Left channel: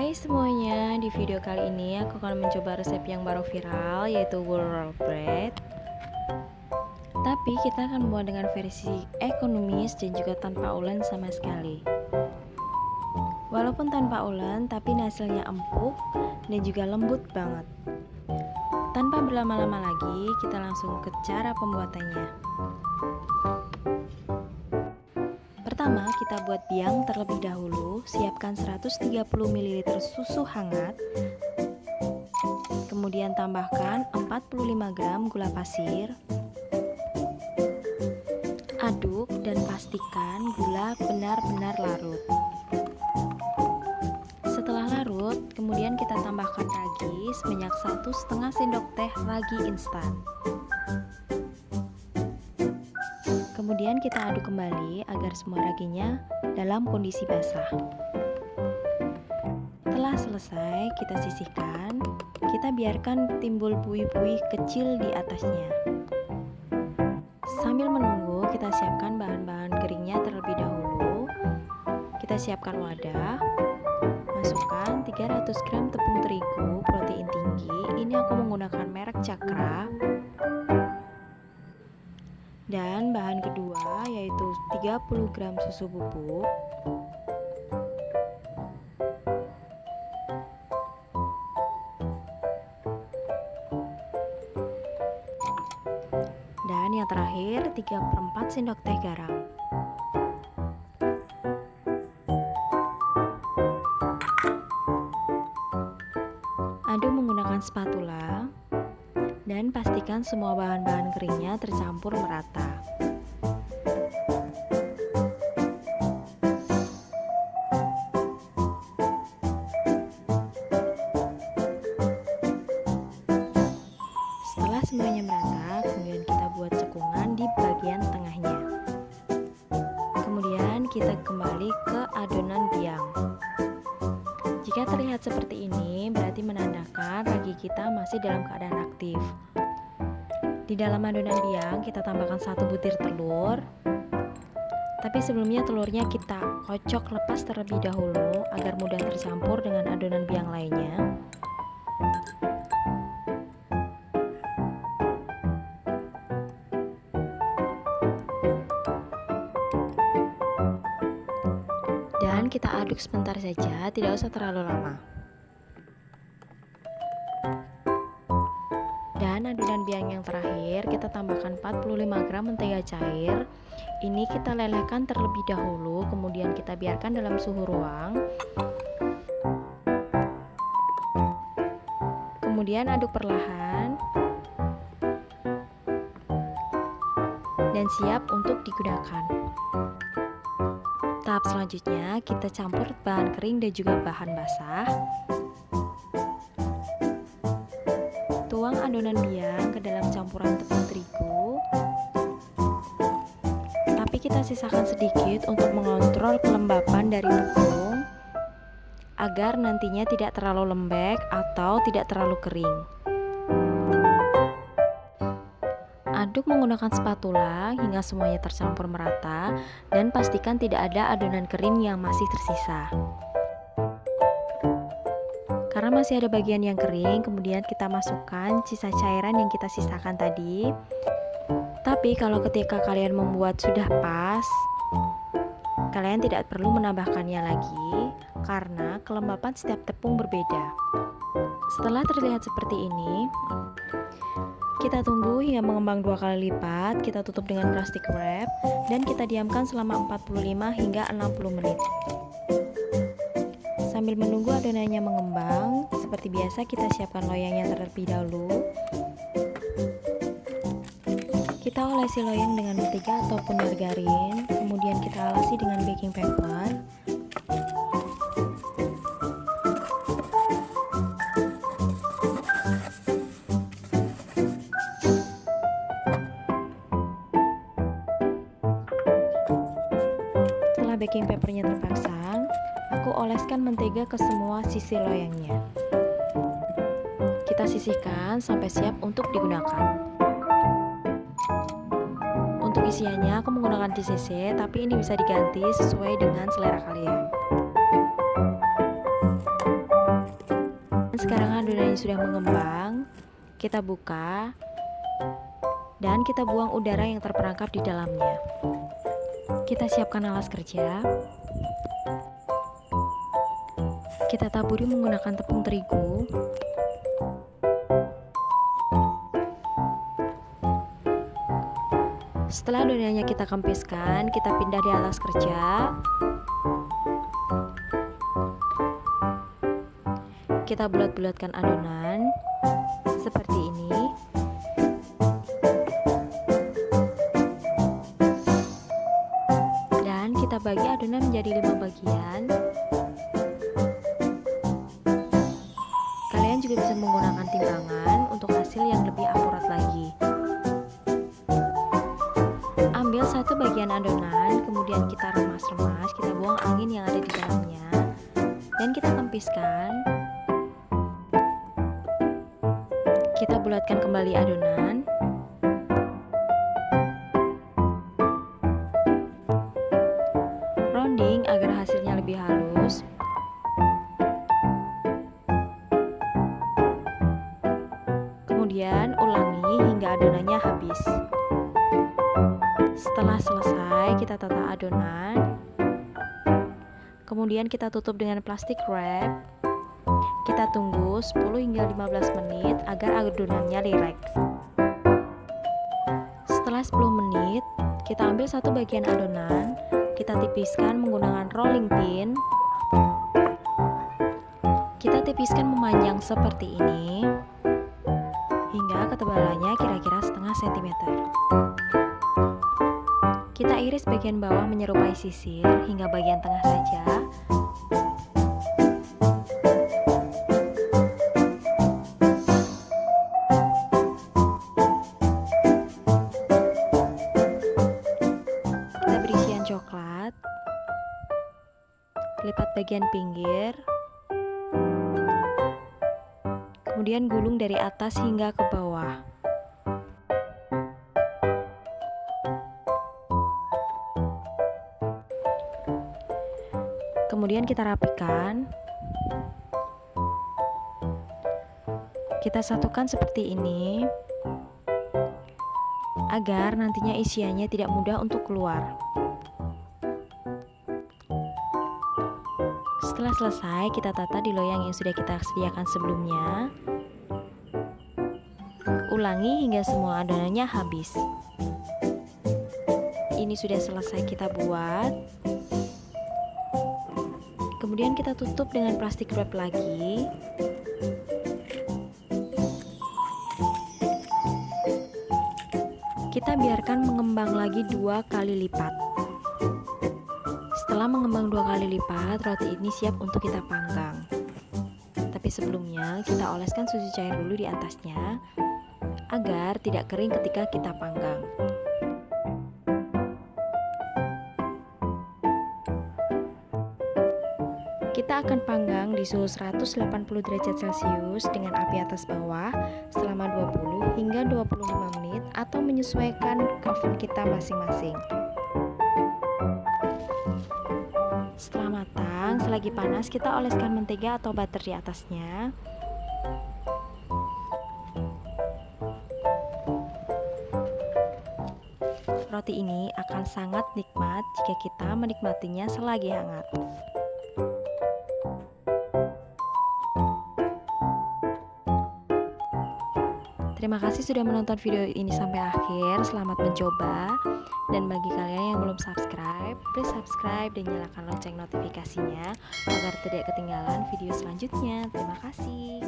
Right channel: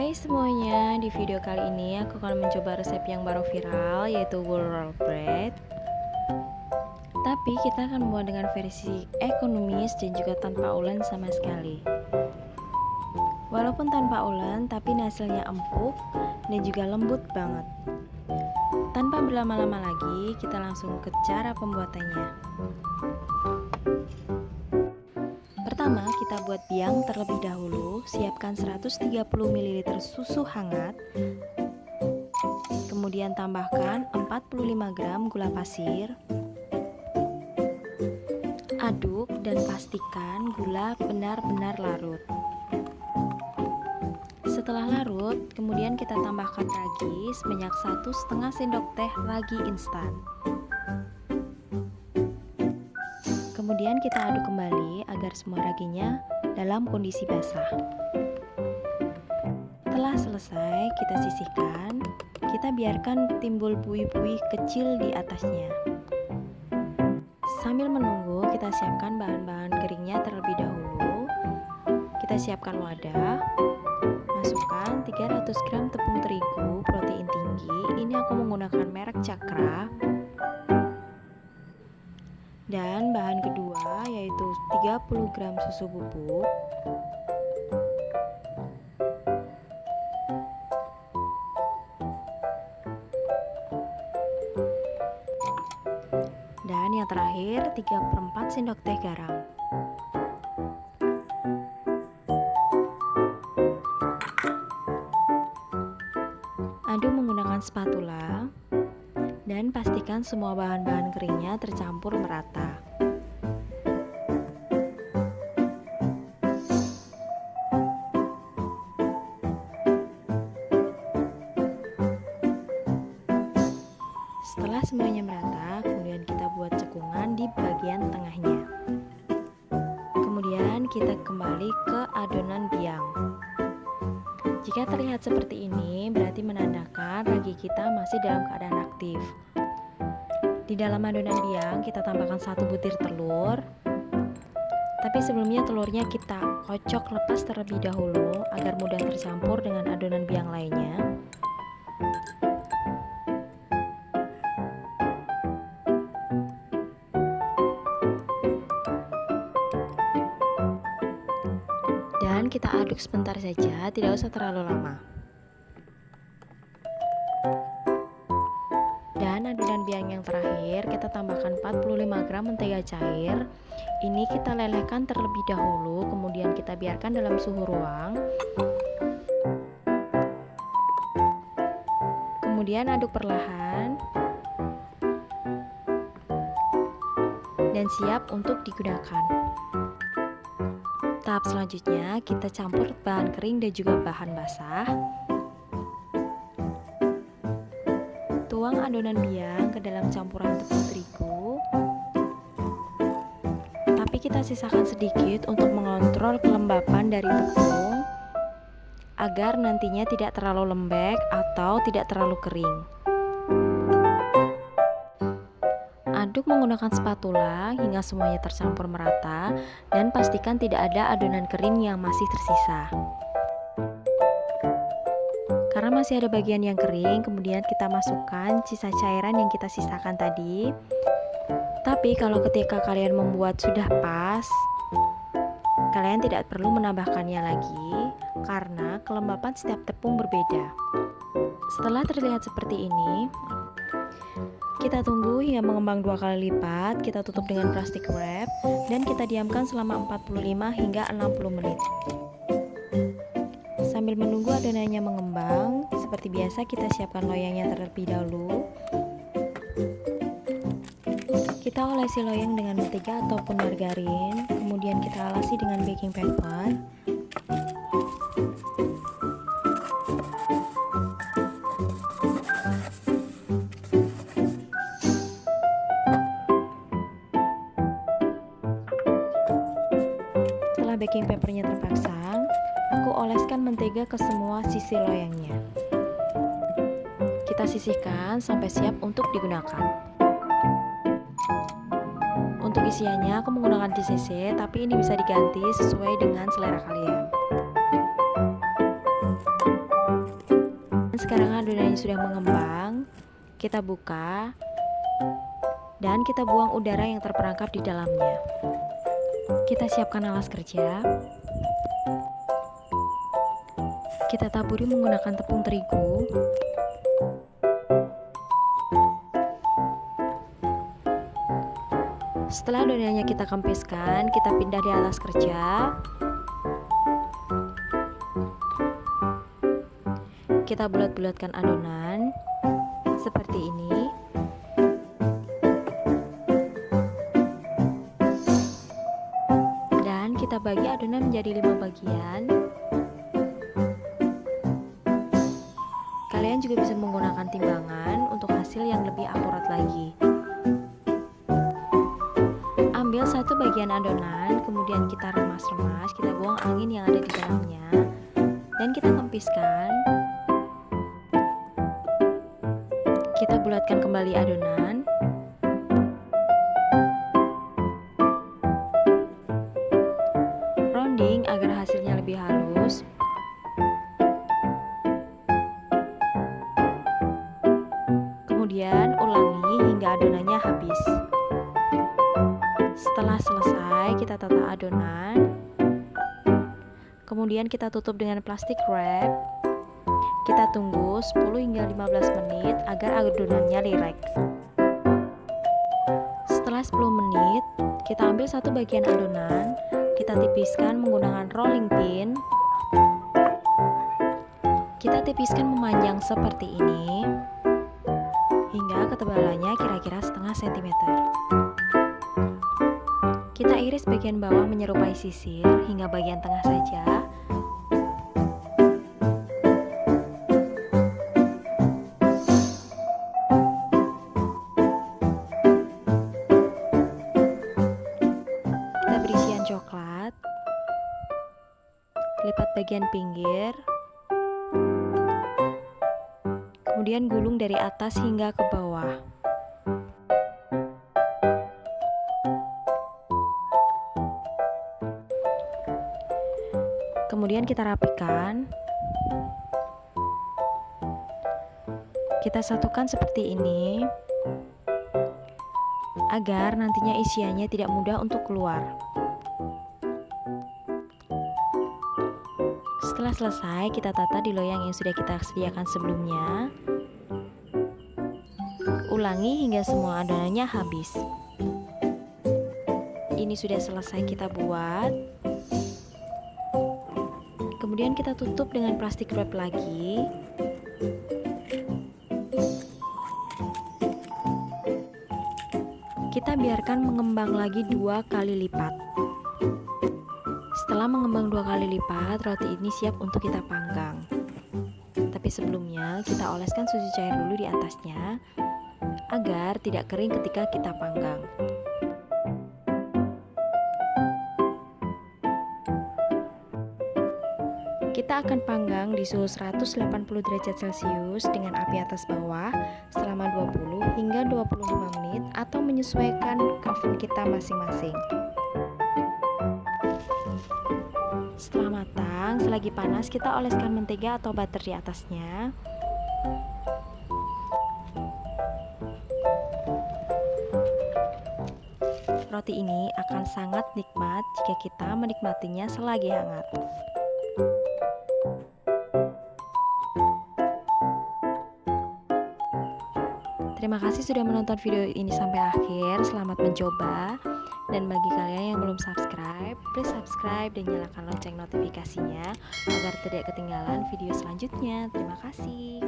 Hai semuanya, di video kali ini aku akan mencoba resep yang baru viral yaitu wool roll bread. Tapi kita akan membuat dengan versi ekonomis dan juga tanpa ulen sama sekali. Walaupun tanpa ulen, tapi hasilnya empuk dan juga lembut banget. Tanpa berlama-lama lagi, kita langsung ke cara pembuatannya. Pertama, kita buat biang terlebih dahulu. Siapkan 130 ml susu hangat. Kemudian tambahkan 45 gram gula pasir. Aduk dan pastikan gula benar-benar larut. Setelah larut, kemudian kita tambahkan ragi sebanyak 1,5 sendok teh ragi instan. Kemudian kita aduk kembali agar semua raginya dalam kondisi basah. Setelah selesai, kita sisihkan. Kita biarkan timbul buih-buih kecil di atasnya. Sambil menunggu, kita siapkan bahan-bahan keringnya terlebih dahulu. Kita siapkan wadah. Masukkan 300 gram tepung terigu protein tinggi. Ini aku menggunakan merek Cakra. Dan bahan kedua yaitu 30 gram susu bubuk. Dan yang terakhir 3/4 sendok teh garam. Aduk menggunakan spatula dan pastikan semua bahan-bahan keringnya tercampur merata. Setelah semuanya merata, kemudian kita buat cekungan di bagian tengahnya. Kemudian kita kembali ke adonan biang. Jika terlihat seperti ini, berarti menandakan ragi kita masih dalam keadaan aktif. Di dalam adonan biang, kita tambahkan 1 butir telur. Tapi sebelumnya telurnya kita kocok lepas terlebih dahulu agar mudah tercampur dengan adonan biang lainnya. Dan kita aduk sebentar saja, tidak usah terlalu lama. Dan adonan biang yang terakhir, kita tambahkan 45 gram mentega cair. Ini kita lelehkan terlebih dahulu, kemudian kita biarkan dalam suhu ruang. Kemudian aduk perlahan. Dan siap untuk digunakan. Tahap selanjutnya, kita campur bahan kering dan juga bahan basah. Tuang adonan biang ke dalam campuran tepung terigu. Tapi kita sisakan sedikit untuk mengontrol kelembapan dari tepung agar nantinya tidak terlalu lembek atau tidak terlalu kering. Aduk menggunakan spatula hingga semuanya tercampur merata dan pastikan tidak ada adonan kering yang masih tersisa. Karena masih ada bagian yang kering, kemudian kita masukkan sisa cairan yang kita sisakan tadi. Tapi kalau ketika kalian membuat sudah pas, kalian tidak perlu menambahkannya lagi karena kelembapan setiap tepung berbeda. Setelah terlihat seperti ini, kita tunggu hingga mengembang 2 kali lipat. Kita tutup dengan plastik wrap dan kita diamkan selama 45 hingga 60 menit. Sambil menunggu adonannya mengembang, seperti biasa kita siapkan loyangnya terlebih dahulu. Kita olesi loyang dengan mentega ataupun margarin, kemudian kita alasi dengan baking paper. Setelah baking papernya terpasang, aku oleskan mentega ke semua sisi loyangnya. Kita sisihkan sampai siap untuk digunakan. Untuk isiannya aku menggunakan JCC, tapi ini bisa diganti sesuai dengan selera kalian. Sekarang adonannya sudah mengembang, kita buka dan kita buang udara yang terperangkap di dalamnya. Kita siapkan alas kerja. Kita taburi menggunakan tepung terigu. Setelah adonannya kita kempiskan, kita pindah di alas kerja. Kita bulat-bulatkan adonan seperti ini. Dan kita bagi adonan menjadi 5 bagian. Kalian juga bisa menggunakan timbangan untuk hasil yang lebih akurat lagi. Ambil satu bagian adonan, kemudian kita remas-remas, kita buang angin yang ada di dalamnya, dan kita kempiskan. Kita bulatkan kembali adonan. Rounding agar hasilnya lebih halus. Kemudian ulangi hingga adonannya habis. Setelah selesai, kita tata adonan. Kemudian kita tutup dengan plastik wrap. Kita tunggu 10 hingga 15 menit agar adonannya rileks. Setelah 10 menit, kita ambil satu bagian adonan, kita tipiskan menggunakan rolling pin. Kita tipiskan memanjang seperti ini hingga ketebalannya kira-kira setengah sentimeter. Kita iris bagian bawah menyerupai sisir hingga bagian tengah saja. Kita beri isian coklat. Lipat bagian pinggir. Kemudian gulung dari atas hingga ke bawah. Kemudian kita rapikan. Kita satukan seperti ini agar nantinya isiannya tidak mudah untuk keluar. Setelah selesai, kita tata di loyang yang sudah kita sediakan sebelumnya. Ulangi hingga semua adonannya habis. Ini sudah selesai kita buat. Kemudian kita tutup dengan plastik wrap lagi. Kita biarkan mengembang lagi 2 kali lipat. Setelah mengembang 2 kali lipat, roti ini siap untuk kita panggang. Tapi sebelumnya kita oleskan susu cair dulu di atasnya agar tidak kering ketika kita panggang. Kita akan panggang di suhu 180 derajat Celcius dengan api atas bawah selama 20 hingga 25 menit atau menyesuaikan oven kita masing-masing. Setelah matang, selagi panas kita oleskan mentega atau butter di atasnya. Roti ini akan sangat nikmat jika kita menikmatinya selagi hangat. Terima kasih sudah menonton video ini sampai akhir. Selamat mencoba. Dan bagi kalian yang belum subscribe, please subscribe dan nyalakan lonceng notifikasinya agar tidak ketinggalan video selanjutnya. Terima kasih.